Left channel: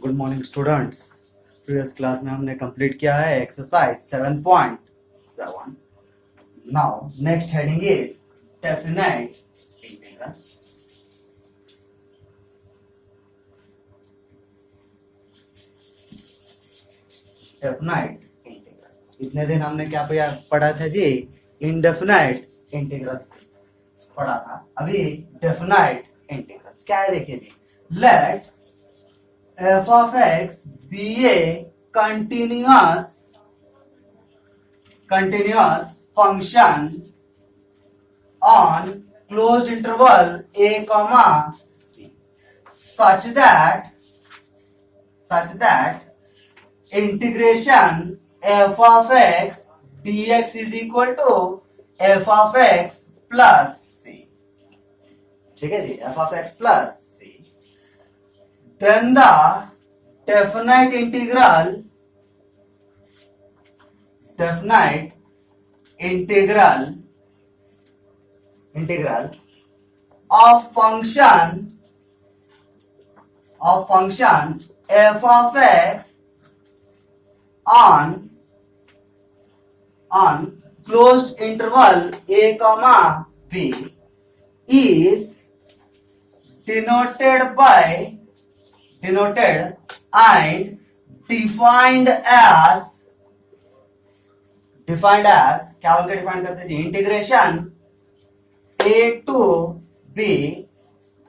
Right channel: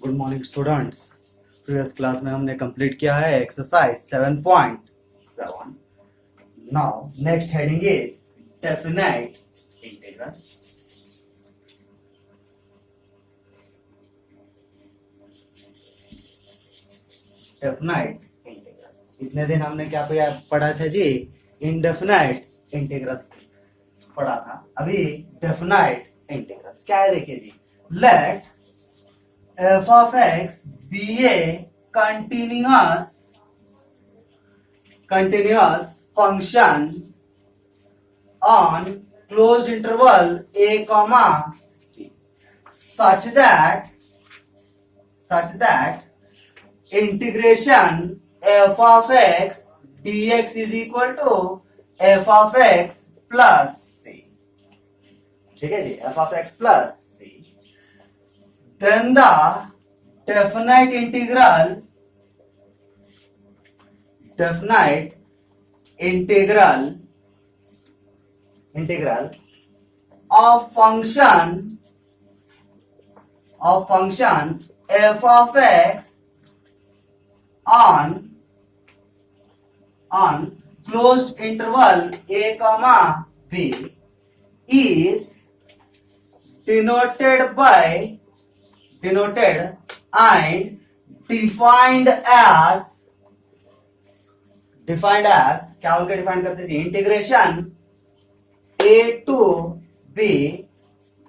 Good morning students. Previous class में हमने कंप्लीट किया है एक्सरसाइज 7.7। Now next heading is definite integrals. Definite integrals, इतने दिन हमने क्या पढ़ा था जी? इनडेफिनाइट इंटीग्रल्स पढ़ा था। अभी डेफिनाइट इंटीग्रल्स क्या है देखिए जी। Let f of x be a continuous function on closed interval a comma b such that integration f of x dx is equal to f of x plus c। ठीक है जी, f of x plus c। Then the definite integral of function f of x on closed interval a comma b is denoted and defined as क्या बोल के डिफाइन करते हैं? Integration a to b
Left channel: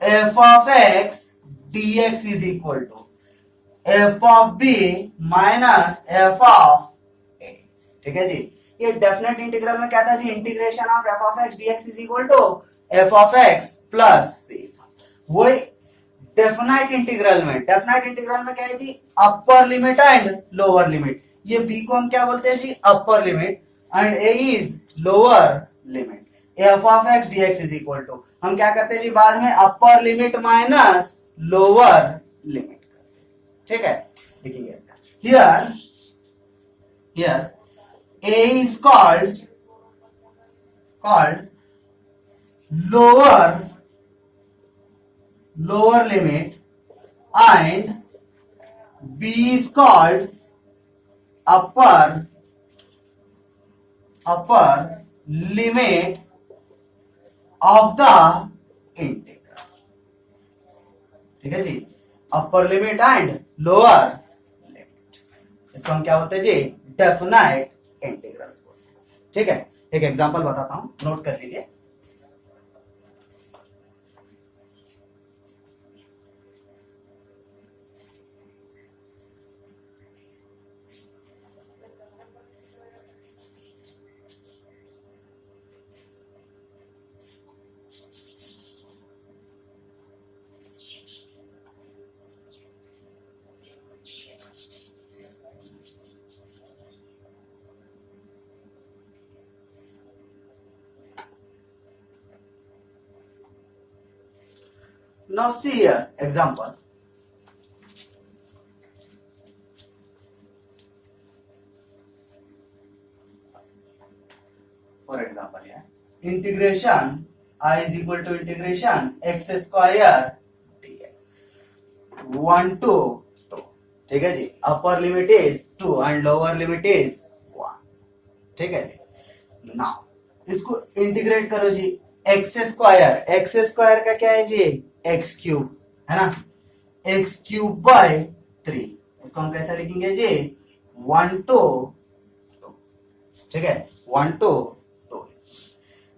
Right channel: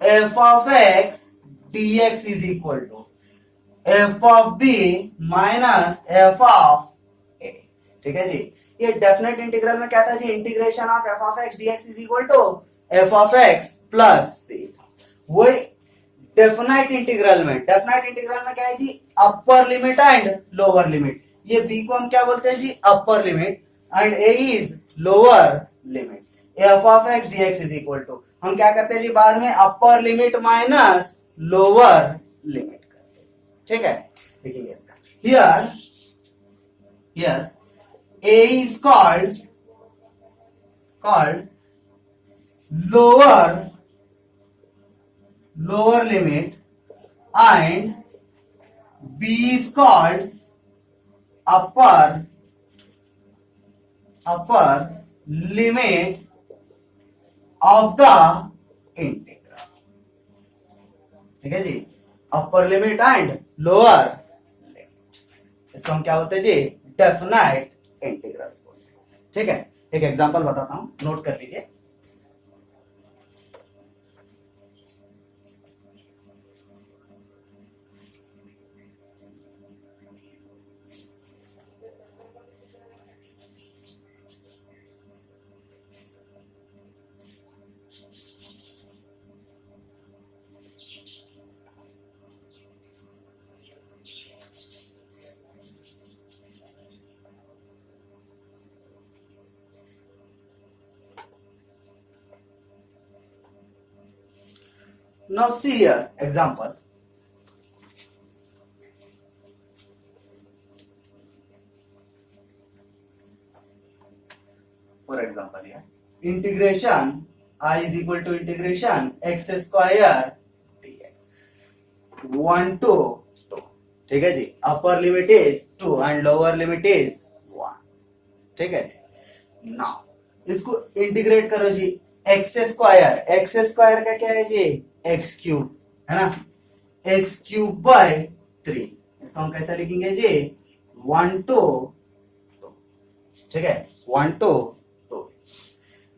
f of x dx is equal to f of b minus f of a। ठीक है जी। ये definite integral में क्या था जी? Integration of f of x dx is equal to f of x plus c। वो definite integral में क्या है जी? Upper limit and lower limit. ये b को हम क्या बोलते हैं जी? Upper limit and a is lower limit. f of x dx is equal to हम क्या करते हैं जी? बाद में upper limit minus lower limit करते हैं। ठीक है, देखिए इसका here a is called lower limit and b is called upper limit of the integral। ठीक है जी, upper limit and lower limit, इसको हम क्या बोलते हैं जी? डेफिनाइट इंटीग्रल्स बोलते हैं। ठीक है, एक एग्जांपल बताता हूं, नोट कर लीजिए। Now see here example. For example here, integration I is equal to integration x square dx 1 to 2। ठीक है जी, upper limit is 2 and lower limit is 1। ठीक है जी। नाउ इसको इंटीग्रेट करो जी। एक्स स्क्वायर का क्या है जी? एक्स क्यूब है ना, एक्स क्यूब बाय 3। इसको हम कैसे लिखेंगे जी? 1 to 2। ठीक है, 1 to 2।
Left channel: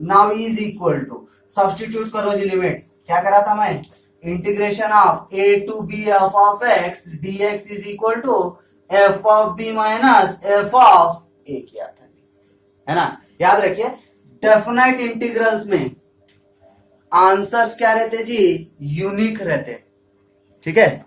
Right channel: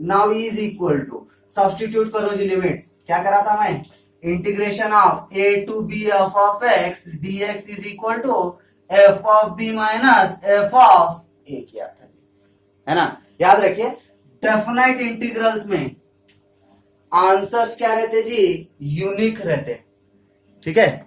Now is equal to substitute करो जी लिमिट्स। क्या करा था मैं? Integration of a to b f of x dx is equal to f of b minus f of a किया था, है ना। याद रखिए, डेफिनाइट इंटीग्रल्स में आंसर्स क्या रहते जी? यूनिक रहते। ठीक है,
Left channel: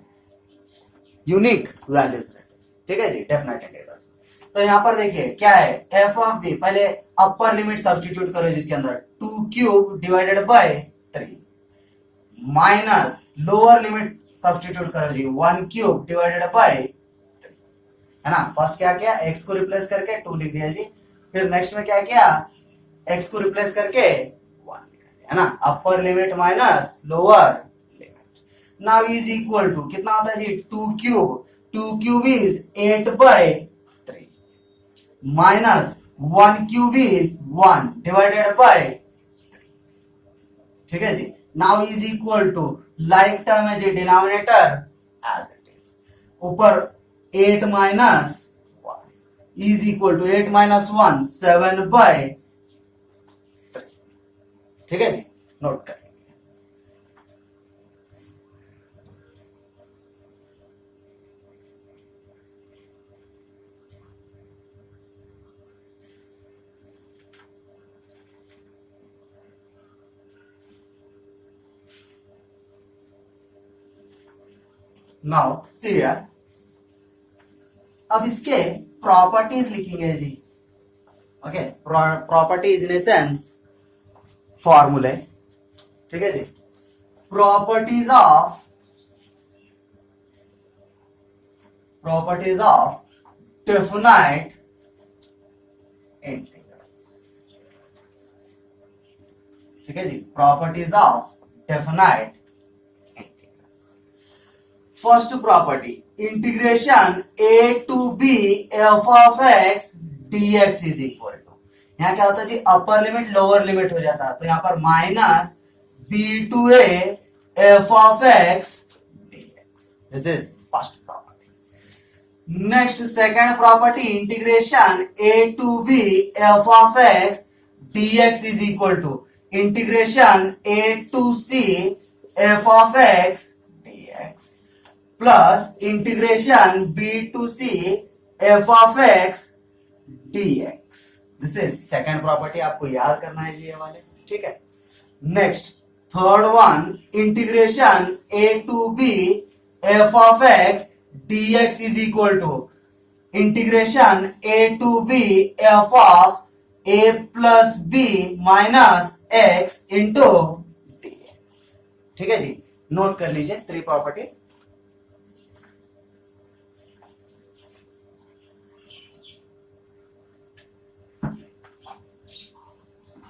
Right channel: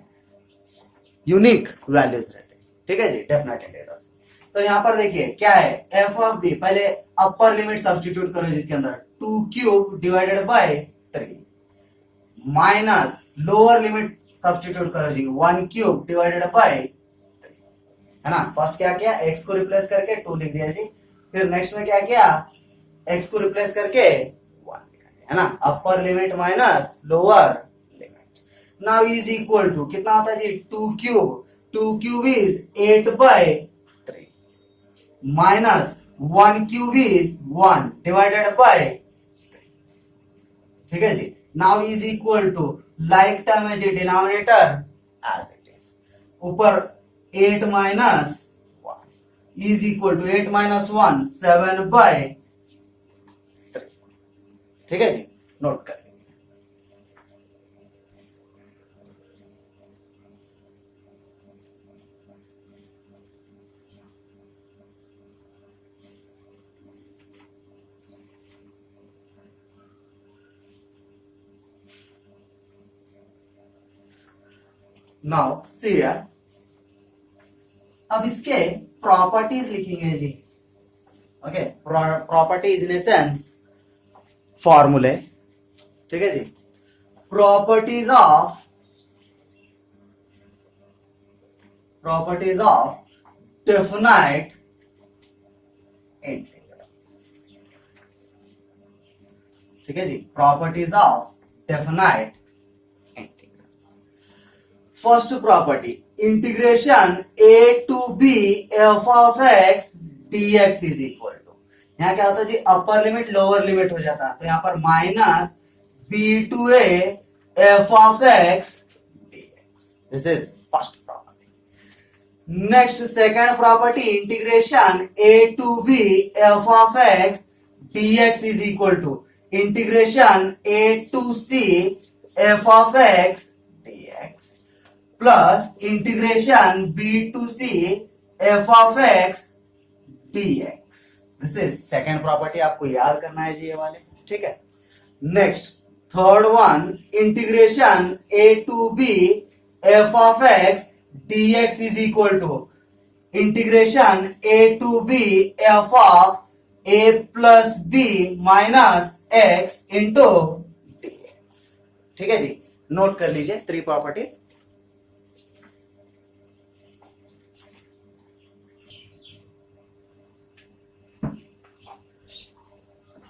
यूनिक वैल्यूज रहते। ठीक है जी, डेफिनाइट इंटीग्रल्स। तो यहां पर देखिए क्या है? एफ ऑफ बी, पहले अपर लिमिट सब्स्टिट्यूट करो जिसके अंदर 2 cube divided by 3 minus lower limit substitute करो जी 1 क्यूब डिवाइडेड बाय 3, है ना। फर्स्ट क्या किया? एक्स को रिप्लेस करके 2 लिख दिया जी। फिर नेक्स्ट में क्या किया? एक्स को रिप्लेस करके 1, है ना। Upper limit minus lower limit. Now is equal to कितना होता है जी 2 cube is 8/3 minus 1 cube is 1 divided by, ठीक है जी। Now is equal to like term है जी डिनोमिनेटर एज इट इज, ऊपर 8 minus 1 is equal to 8 minus 1 7/3, ठीक है जी, नोट कर। नाउ सी हियर, अब इसके प्रॉपर्टीज लिखेंगे जी। ओके, प्रॉपर्टीज इन ए सेंस फॉर्मूले, ठीक है जी। प्रॉपर्टीज ऑफ डेफिनाइट इंटीग्रल्स, ठीक है जी। Properties of definite integrals. First property, integration a to b f of x dx is equal to, यहाँ क्या होता है जी अपर लिमिट लोअर लिमिट हो जाता है, तो यहाँ पर minus b to a f of x dx, this is first property. Next second property, integration a to b f of x dx is equal to integration a to c f of x dx plus integration b to c f of x dx, this is second property, आपको याद करना है जी ये वाले, ठीक है। Next third one, integration a to b f of x dx is equal to integration a to b f of a plus b minus x into dx, ठीक है जी, नोट कर लीजिए three properties.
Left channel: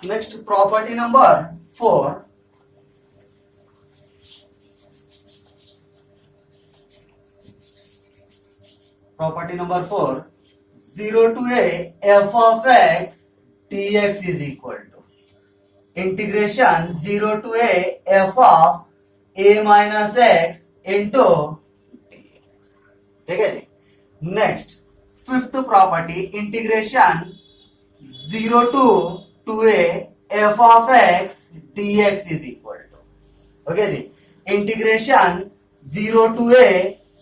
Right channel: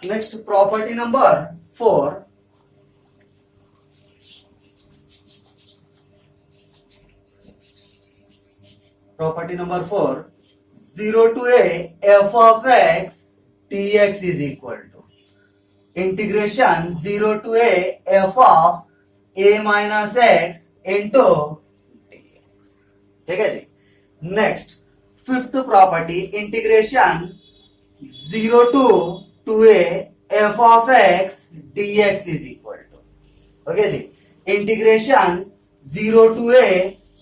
Next property number 4, property number 4, 0 to a f of x dx is equal to integration 0 to a f of a minus x into dx, ठीक है जी। Next fifth property, integration 0 to 2a f of x dx is equal to, okay जी, integration 0 to a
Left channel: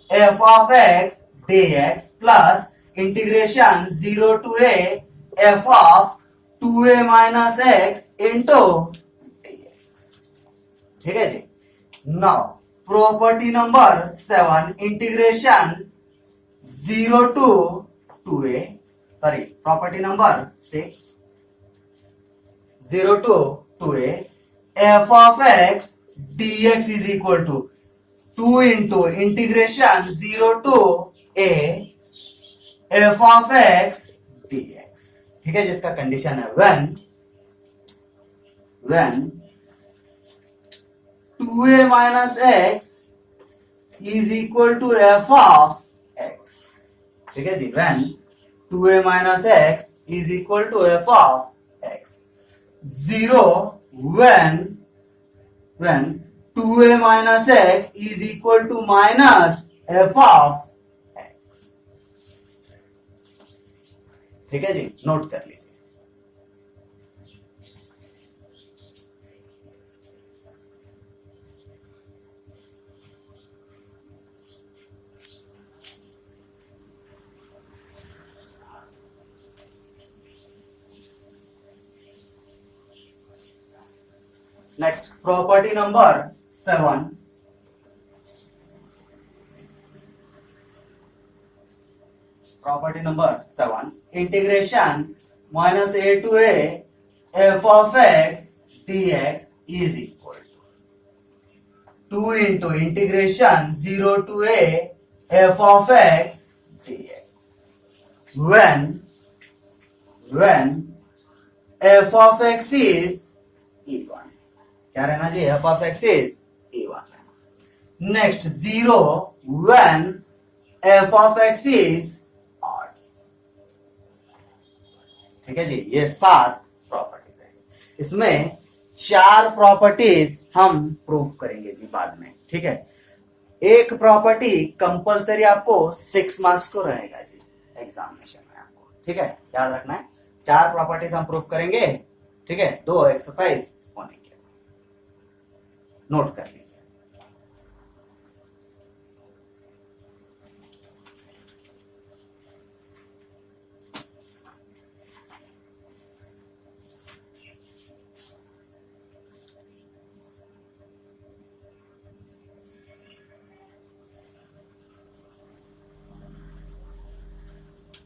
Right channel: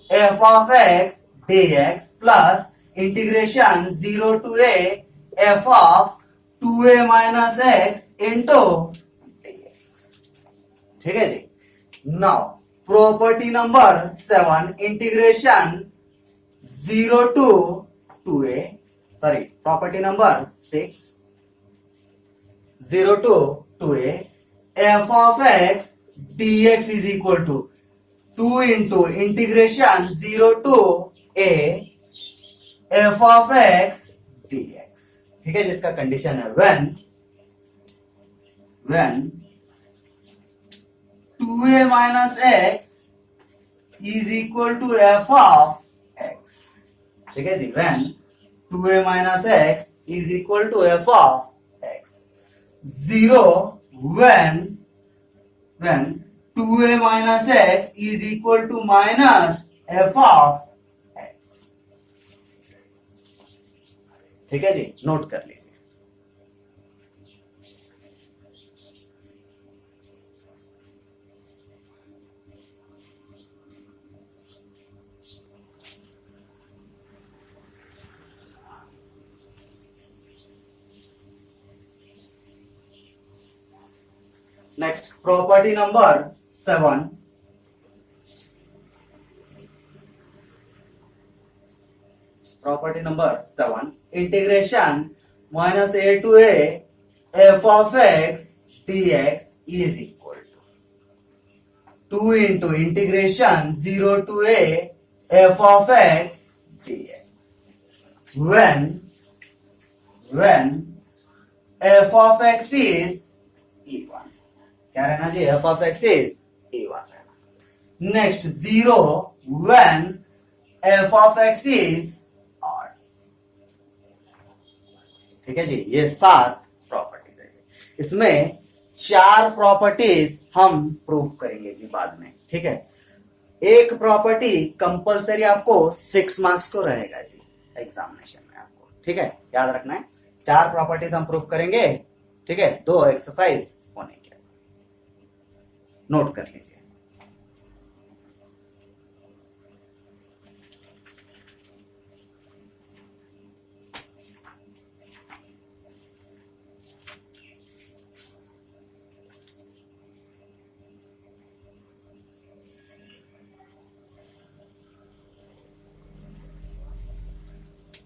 f of x dx plus integration 0 to a f of 2a minus x into dx, ठीक है जी। Now property number 7, integration 0 to 2a, sorry property number 6, 0 to 2a f of x dx is equal to 2 into integration 0 to a f of x dx, ठीक है, जिसका कंडीशन है when 2a minus x is equal to f of x, ठीक है जी, when 2a minus x is equal to f of x, 0 when 2a minus x is equal to minus f of x, ठीक है जी, note कर लीजिए। Next, property number 7. Property number 7. Integration minus a to a f of x dx is equal to 2 into integration 0 to a f of x dx. When f of x is even, क्या रहना चाहिए, f of x is even रहना। नेक्स्ट 0 when F of x is odd. ठीक है जी, ये 7 प्रॉपर्टीज है। इसमें 4 प्रॉपर्टीज हम प्रूव करेंगे जी बाद में। ठीक है, एक प्रॉपर्टी कंपलसरी आपको 6 मार्क्स को रहेगा जी एग्जामिनेशन में आपको। ठीक है, याद रखना है, 4 प्रॉपर्टीज हम प्रूव करेंगे। ठीक है, 2 एक्सरसाइज होने के, नोट कर लीजिए।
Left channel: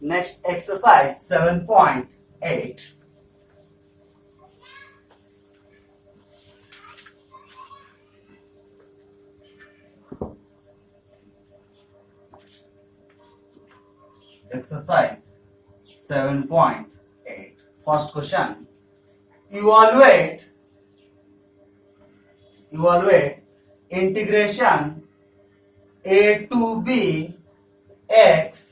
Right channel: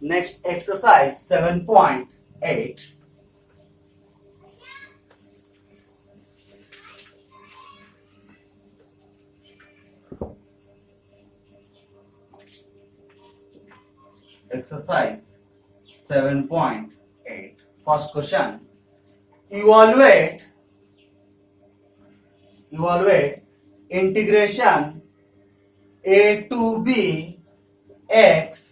Next exercise 7.8. Exercise 7.8. First question. Evaluate integration a to b x।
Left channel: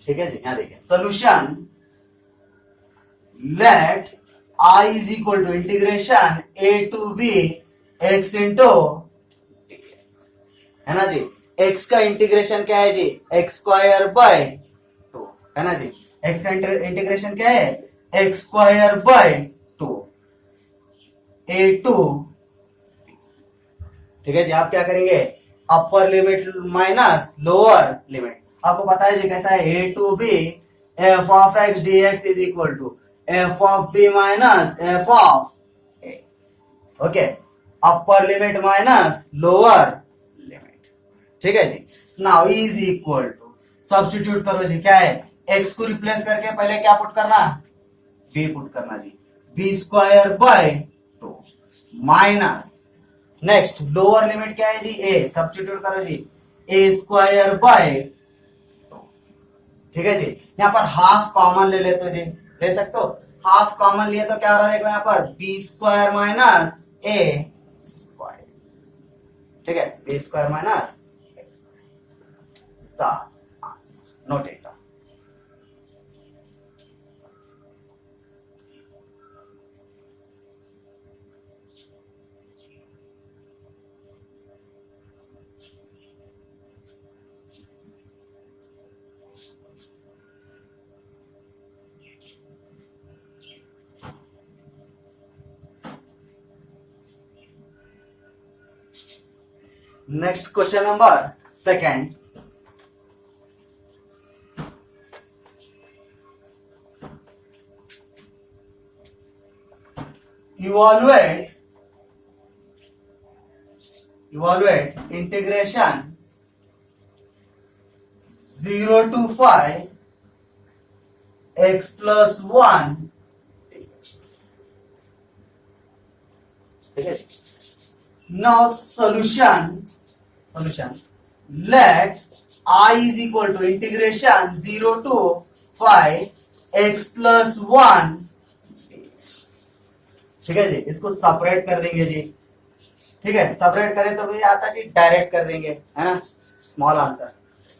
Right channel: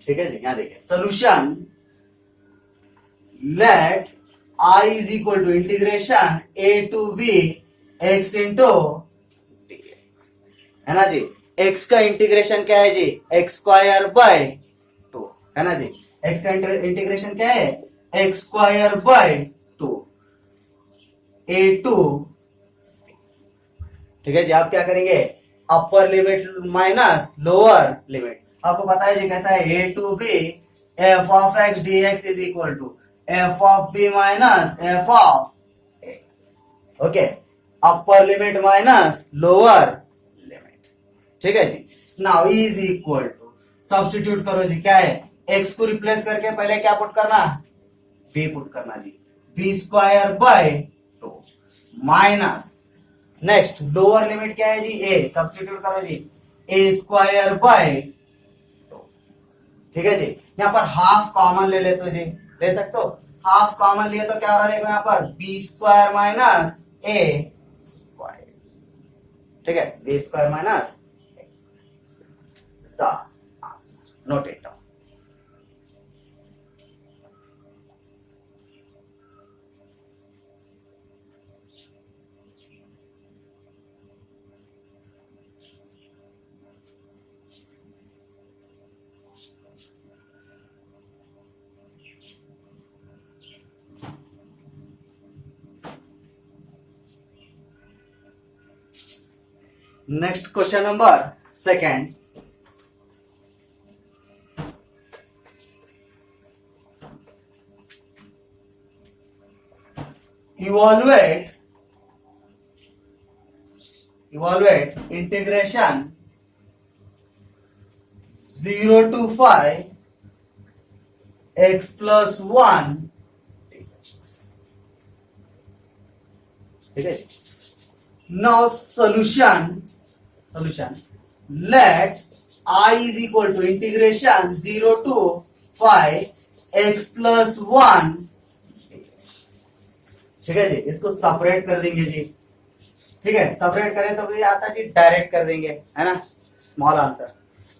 ठीक है जी, यहां देखिए solution. Let I is equal to integration A to B X into DX, है ना जी। एक्स का इंटीग्रेशन क्या है जी, एक्स स्क्वायर बाय 2, है ना जी। एक्स का इंटीग्रेशन क्या है, x square by 2 a to. ठीक है जी, आप क्या करेंगे, upper limit minus lower limit. आपको पता है जी कैसा है, a to b f of x d x is equal to f of b minus f of a. Okay, upper limit minus lower limit. ठीक है जी, now is equal to, substitute करो जी, क्या है, एक्स को रिप्लेस करके पहले क्या पुट करना, बी पुट करना जी, b square by 2 minus, next lower limit क्या है जी, ए, सब्स्टिट्यूट करो जी, ए स्क्वायर बाय। ठीक है जी, यहाँ पर हाफ कॉमन ले लेते जी, ले सकते हो। हाफ कॉमन लिए तो क्या हो रहा है, देखो यहाँ पर B square minus A square. ठीक है, B square minus A square is the answer. Note it down. Next question number 2nd. Evaluate integration 0 to 5 x plus 1 dx. ठीक है, now solution let I is equal to integration 0 to 5 x plus 1। ठीक है जी, इसको सेपरेट कर देंगे जी। ठीक है, सेपरेट करें तो ये आता जी, डायरेक्ट कर देंगे, है ना, स्मॉल आंसर।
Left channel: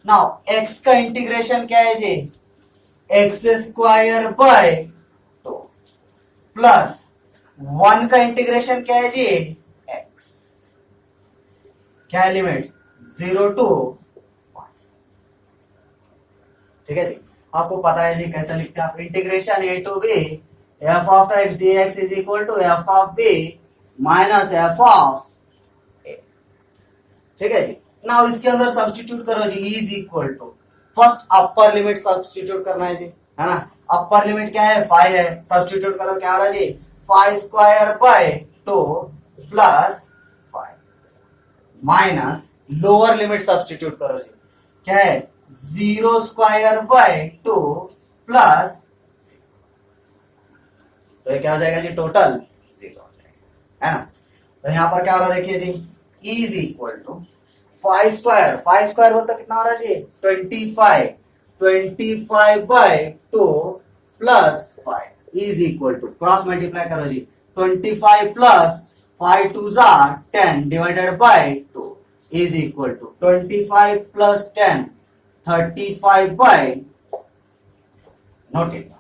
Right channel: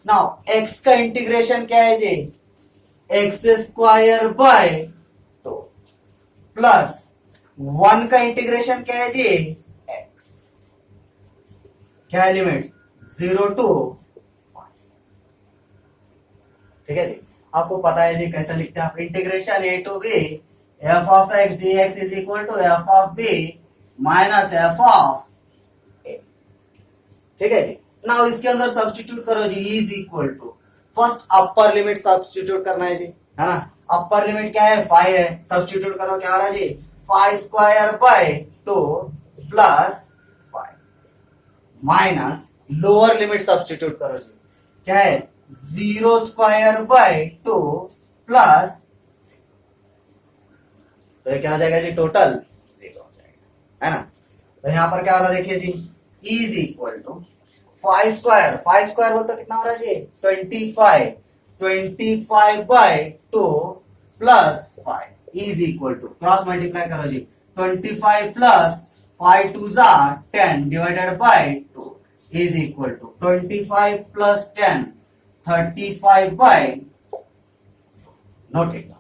नाउ x का इंटीग्रेशन क्या है जी, एक्स स्क्वायर बाय 2 प्लस 1 का इंटीग्रेशन क्या है जी, x, क्या है लिमिट्स 0 to 5। ठीक है जी, आपको पता है जी कैसा लिखते हैं आप, integration A to b f of x d x is equal to f of b minus f of a. ठीक है जी, नाउ इसके अंदर सब्स्टिट्यूट करो जी, is equal to, first upper limit substitute करना है जी, है ना। अपर लिमिट क्या है, 5 है, सब्स्टिट्यूट करो, क्या आ रहा है जी, 5 square by 2 plus 5 minus lower limit substitute करो जी, क्या है, 0 स्क्वायर बाय 2 प्लस, तो ये क्या हो जाएगा जी, टोटल 0 हो जाएगा, है ना। तो यहां पर क्या हो रहा है देखिए जी, इज इक्वल टू 5 स्क्वायर बोलते कितना हो रहा है जी, 25 by 2 plus 5 is equal to, cross multiply करो जी, 25 plus 5 2s are 10 divided by 2 is equal to 25 plus 10 35 by, note it down,